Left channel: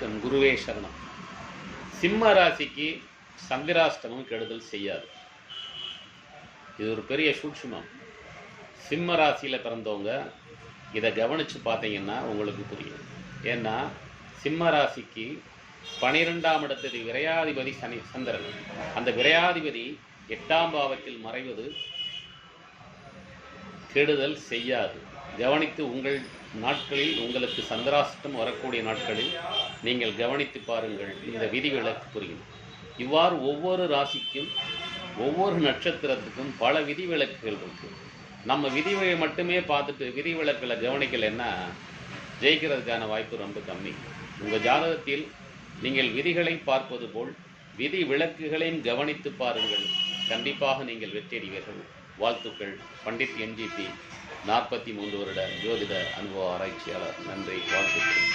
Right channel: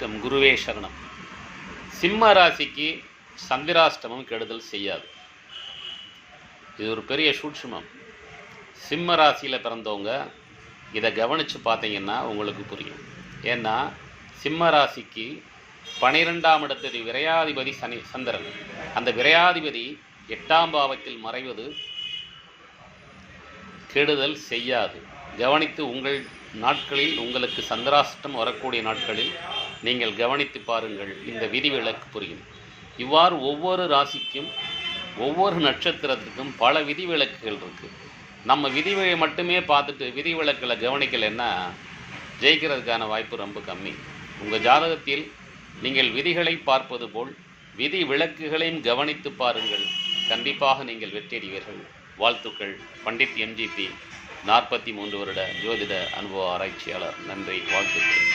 குருவே சரணம். சிம்ம ராசிக்கு சந்திராஷ்டமம் கெடுதல் செய்யாது. இது ஒரு பெரிய சூட்சுமம். சிம்ம ராசியில் பிறந்தவங்க இதை கவனித்து பார்த்தீங்கன்னா உங்களுக்கு புரியும். ஏன்னா சிம்ம ராசிக்கு 12ஆம் இடத்து விரையாதிபதி சந்திரன். அந்த விரையாதிபதி 8ஆம் பாவத்தில் மறைவது கெடுதல் செய்யாது. கவனித்து உங்கள் நாட்களில் உங்களுக்கு சந்திராஷ்டம் வரக்கூடிய நாட்களில் நீங்கள் கவனித்து பாருங்கள். இந்த விதிவிலக்கு புரியும். இவ்வாறு ஒவ்வொரு ராசிக்கும் ஒவ்வொரு நட்சத்திரத்துக்கும் பல விதிவிலக்குகள் இருக்குது. நம்ம விதிகளை மட்டுமே பார்த்துட்டு விதிவிலக்கில் கவனிக்கலைன்னா ஜெயிக்கிறதுக்கான வாய்ப்பு ரொம்ப கம்மி. உங்கள் ஜாதகத்தில் நீங்கள் விதிகளை பார்ப்பது போல் விதி விலக்குகளையும் கவனித்து பாருங்கள். கண்டிப்பாக நீங்கள் வெற்றியடைவீர்கள். வாழ்த்துக்கள். பண்டிட் MGP 43 வருட ஜோதிட அனுபவ ஆராய்ச்சியாளர். நன்றி. வாழ்த்துக்கள்.